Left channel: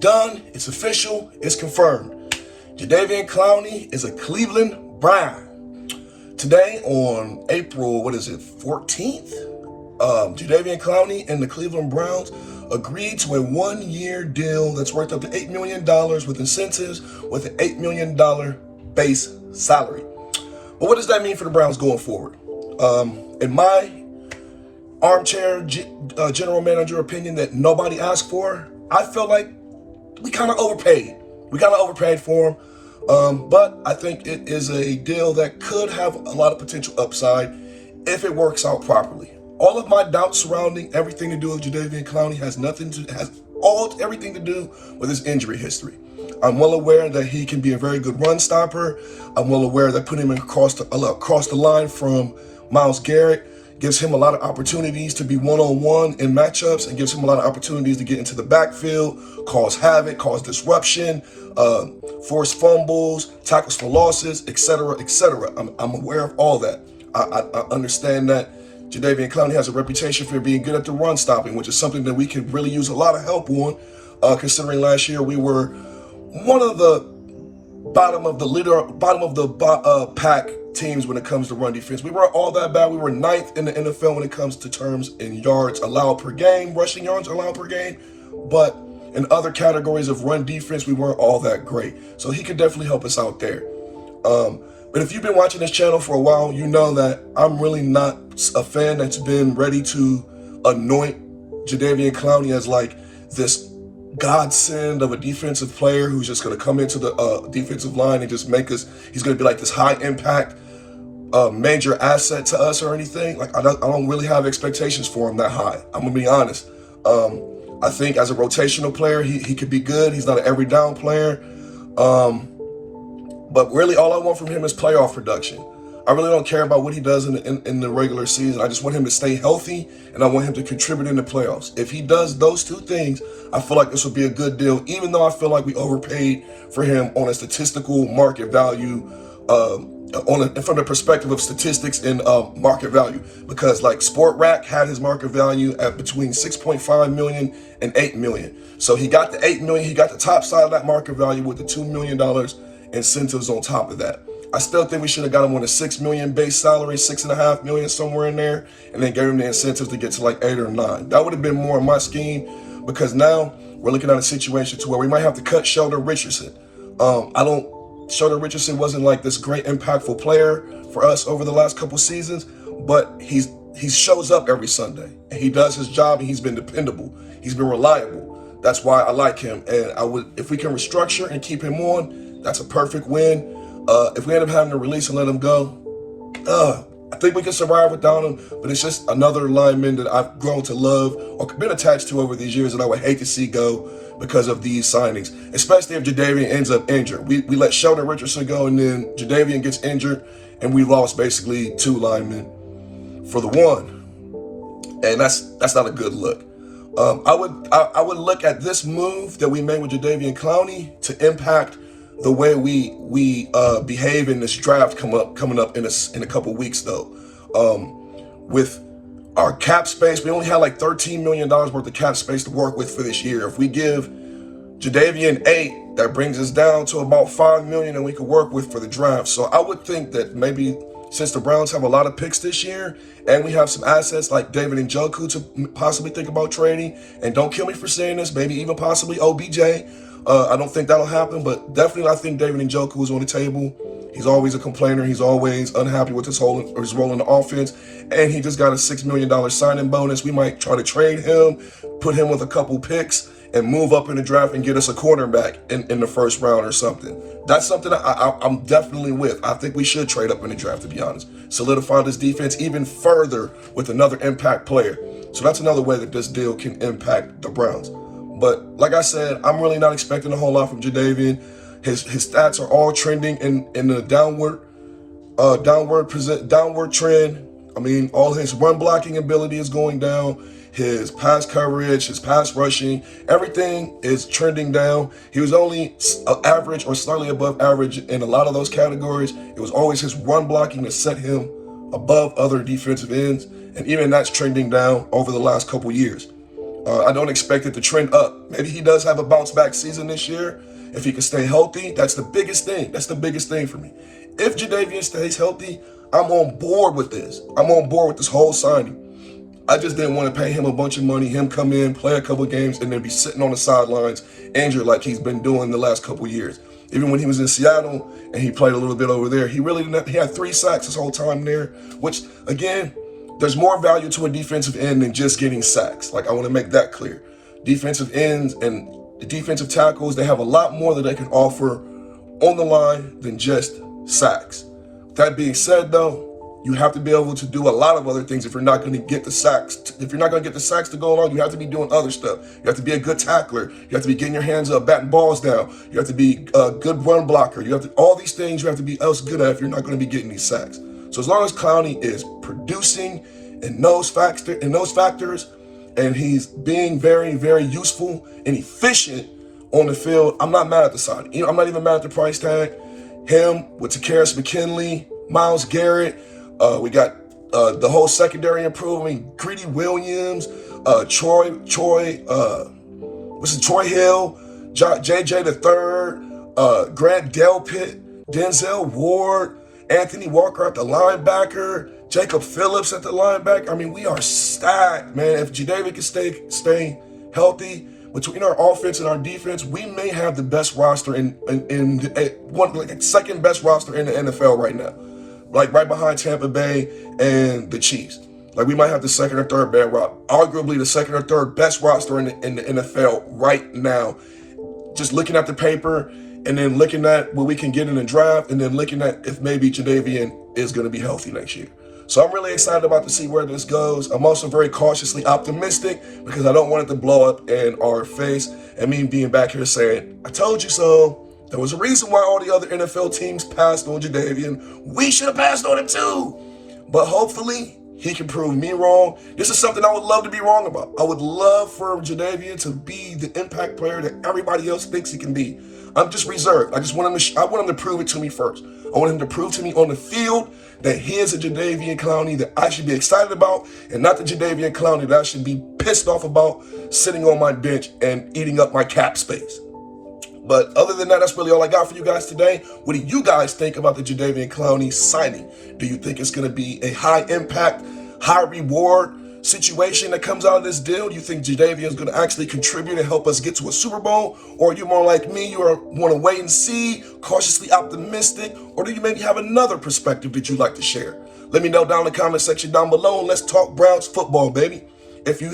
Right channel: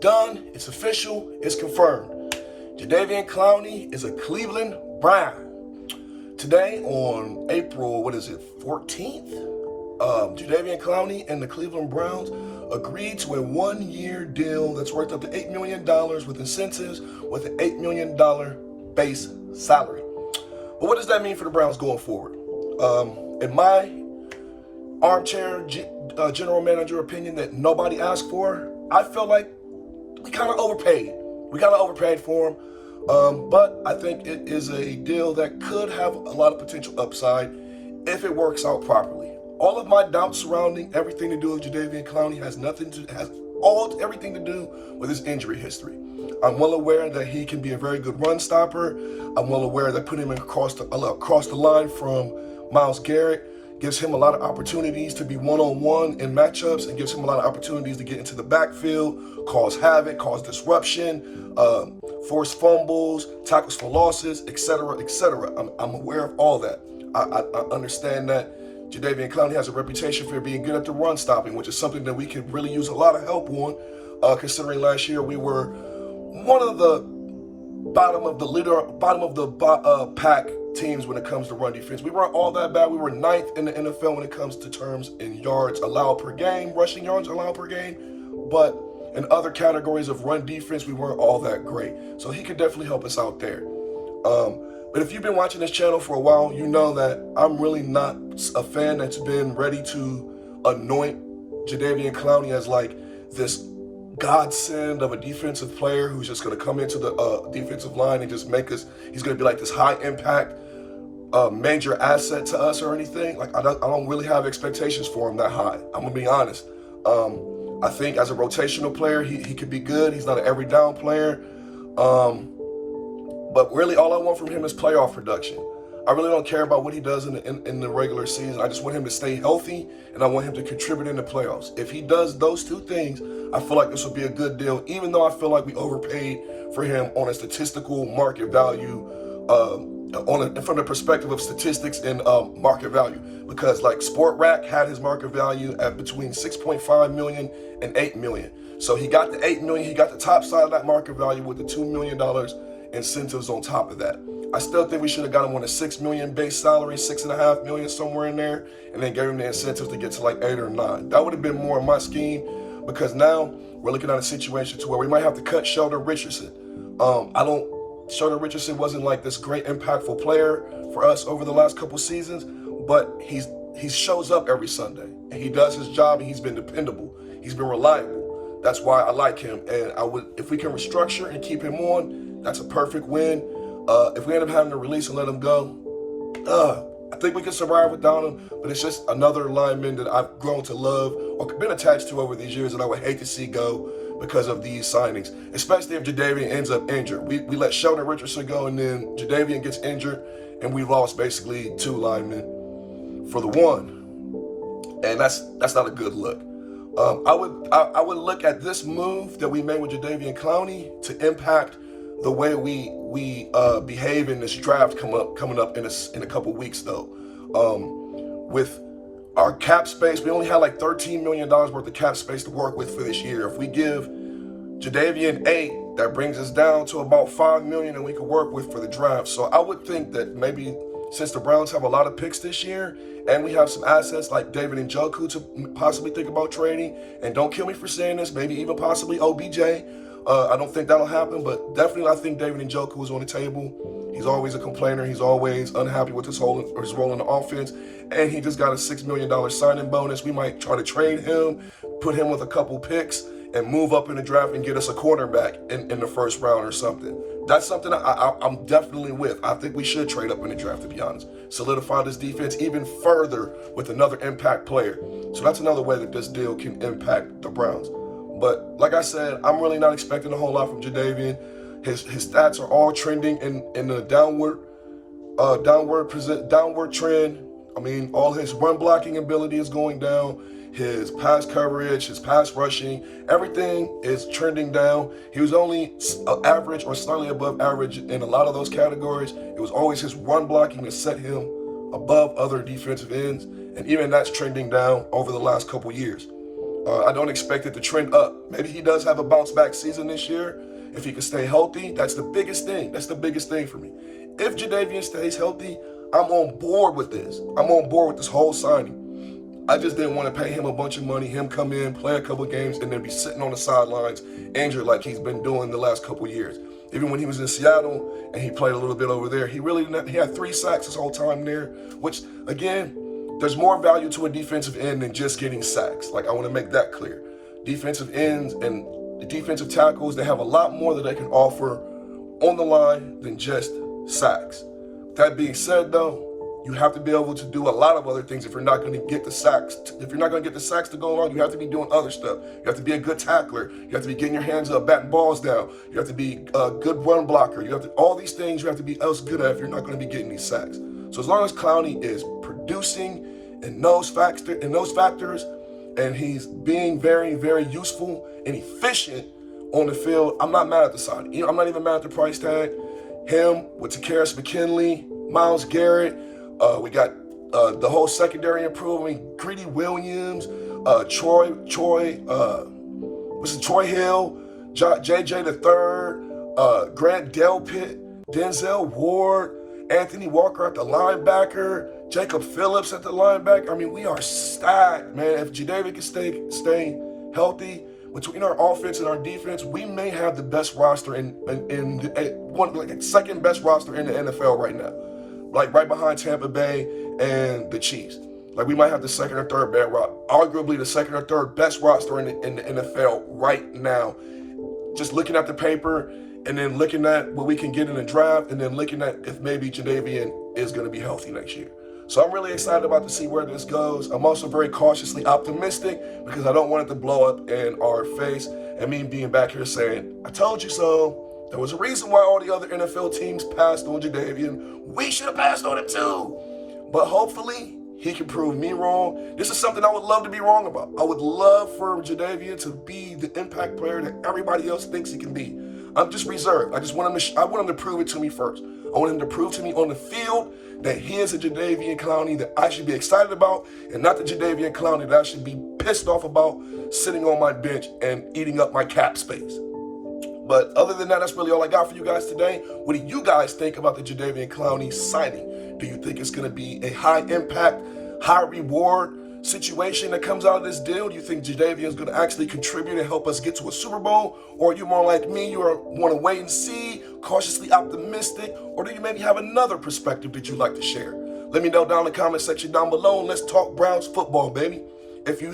done. It's official. It's confirmed. Jadeveon Clowney is a Cleveland Brown. Today on April, 14th? Jadeveon Clowney and the Cleveland Browns agreed to a one-year deal that's worth up to $8 million with incentives with an $8 million base salary. But what does that mean for the Browns going forward? In my armchair general manager opinion that nobody asked for, I felt like we kind of overpaid. We kind of overpaid for him. But I think it is a deal that could have a lot of potential upside if it works out properly. All of my doubts surrounding everything to do with Jadeveon Clowney has everything to do with his injury history. I'm well aware that he can be a very good run stopper. I'm well aware that putting him across the line from Myles Garrett gives him a lot of opportunities to be one-on-one in matchups and gives him a lot of opportunities to get into the backfield, cause havoc, cause disruption, force fumbles, tackles for losses, etc., etc. I'm aware of all that. I understand that Jadeveon Clowney has a reputation for being good at the run stopping, which is something that we could really use a lot of help on, considering last year we were one of the bottom of the pack teams when it comes to run defense. We weren't all that bad. We were 9th in the NFL when it comes to terms in yards allowed per game, rushing yards allowed per game. But in other categories of run defense, we weren't all that great. So he could definitely help us out there. But if you've been watching this channel for a while, you know that I'm really not a fan that's been ready to anoint Jadeveon Clowney as like this godsend of a defensive player who's just going to come into the defensive line and just make us, he's going to be like this high impact major asset to us or anything. Like I don't really have expectations for him that high. I'm gonna be honest. I think as a rotational player, he could be good. He's not an every down player. But really all I want from him is playoff production. I really don't care about what he does in the regular season. I just want him to stay healthy, and I want him to contribute in the playoffs. If he does those two things, I feel like this will be a good deal, even though I feel like we overpaid for him on a statistical market value, from the perspective of statistics and market value. Because like Sport Rack had his market value at between 6.5 million and 8 million. So he got the 8 million, he got the top side of that market value with the $2 million incentives on top of that. I still think we should have got him on a $6 million base salary, $6.5 million somewhere in there, and then gave him the incentives to get to like 8 or 9. That would have been more in my scheme, because now we're looking at a situation to where we might have to cut Schefter Richardson. Schefter Richardson wasn't like this great impactful player for us over the last couple seasons, but he shows up every Sunday and he does his job, and he's been dependable. He's been reliable. That's why I like him. And if we can restructure and keep him on, that's a perfect win. If we end up having to release and let him go, I think we can survive without him, but it's just another lineman that I've grown to love or been attached to over these years that I would hate to see go because of these signings, especially if Jadeveon ends up injured. We let Schefter Richardson go, and then Jadeveon gets injured, and we lost basically 2 linemen for the 1. And that's not a good look. I would look at this move that we made with Jadeveon Clowney to impact the way we behave in this draft coming up in a couple weeks though. With our cap space, we only had like $13 million worth of cap space to work with for this year. If we give Jadeveon 8, that brings us down to about $5 million that we could work with for the draft. So I would think that maybe since the Browns have a lot of picks this year, and we have some assets like David Njoku to possibly think about trading, and don't kill me for saying this, maybe even possibly OBJ. I don't think that'll happen, but definitely I think David Njoku is on the table. He's always a complainer. He's always unhappy with his role in the offense. And he just got a $6 million signing bonus. We might try to trade him, put him with a couple picks, and move up in the draft and get us a cornerback in the first round or something. That's something I'm definitely with. I think we should trade up in the draft, to be honest. Solidify this defense even further with another impact player. So that's another way that this deal can impact the Browns. But like I said, I'm really not expecting a whole lot from Jadeveon. His stats are all trending in the downward trend. I mean, all his run blocking ability is going down. His pass coverage, his pass rushing, everything is trending down. He was only average or slightly above average in a lot of those categories. It was always his run blocking that set him above other defensive ends, and even that's trending down over the last couple years. I don't expect it to trend up. Maybe he does have a bounce back season this year. If he can stay healthy, that's the biggest thing. That's the biggest thing for me. If Jadeveon stays healthy, I'm on board with this. I'm on board with this whole signing. I just didn't want to pay him a bunch of money, him come in, play a couple of games, and then be sitting on the sidelines injured like he's been doing the last couple of years. Even when he was in Seattle and he played a little bit over there, he really didn't. He had 3 sacks his whole time there, which, again, there's more value to a defensive end than just getting sacks. Like, I want to make that clear. Defensive ends and defensive tackles, they have a lot more that they can offer on the line than just sacks. That being said, though, you have to be able to do a lot of other things if you're not going to get the sacks. If you're not going to get the sacks to go along, you have to be doing other stuff. You have to be a good tackler. You have to be getting your hands up, batting balls down. You have to be a good run blocker. You have to, all these things you have to be else good at if you're not going to be getting these sacks. So as long as Clowney is producing in those factors, and he's being very, very useful and efficient on the field, I'm not mad at the signing. I'm not even mad at the price tag. Him with Takarius McKinley, Myles Garrett. We got the whole secondary improving. Greedy Williams, Troy Hill, JJ the third, Grant Delpit, Denzel Ward, Anthony Walker at the linebacker, Jacob Phillips at the linebacker. I mean, we are stacked, man. If Jadeveon can stay healthy between our offense and our defense, we may have the best roster second best roster in the NFL right now. Like right behind Tampa Bay and the Chiefs. Like we might have the second or third best roster, arguably the second or third best roster in the NFL right now. Just looking at the paper and then looking at what we can get in the draft and then looking at if maybe Jadeveon is going to be healthy next year. So I'm really excited about to see where this goes. I'm also very cautiously optimistic because I don't want it to blow up in our face and me being back here saying, I told you so. There was a reason why all the other NFL teams passed on Jadeveon. We should have passed on him too. But hopefully he can prove me wrong. This is something I would love to be wrong about. I would love for Jadeveon to be the impact player that everybody else thinks he can be. I'm just reserved. I want him to prove it to me first. I want him to prove to me on the field that he is a Jadeveon Clowney that I should be excited about and not the Jadeveon Clowney that I should be pissed off about sitting on my bench and eating up my cap space. But other than that, that's really all I got for you guys today. What do you guys think about the Jadeveon Clowney signing? Do you think it's going to be a high impact, high reward situation that comes out of this deal? Do you think Jadeveon is going to actually contribute and help us get to a Super Bowl? Or are you more like me? You want to wait and see, cautiously optimistic? Or do you maybe have another perspective that you'd like to share? Let me know down in the comment section down below and let's talk Browns football, baby. If you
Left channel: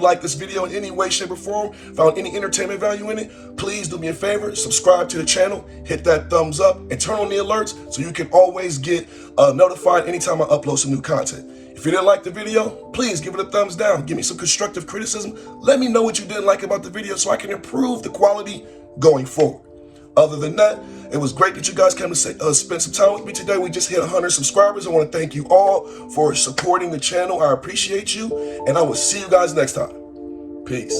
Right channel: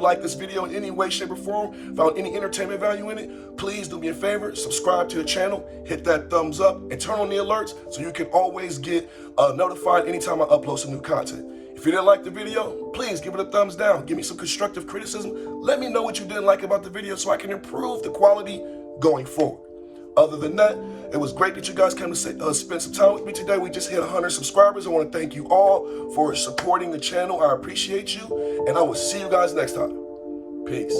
like this video in any way, shape, or form, found any entertainment value in it, please do me a favor, subscribe to the channel, hit that thumbs up, and turn on the alerts so you can always get notified anytime I upload some new content. If you didn't like the video, please give it a thumbs down. Give me some constructive criticism. Let me know what you didn't like about the video so I can improve the quality going forward. Other than that, it was great that you guys came to spend some time with me today. We just hit 100 subscribers. I want to thank you all for supporting the channel. I appreciate you, and I will see you guys next time. Peace.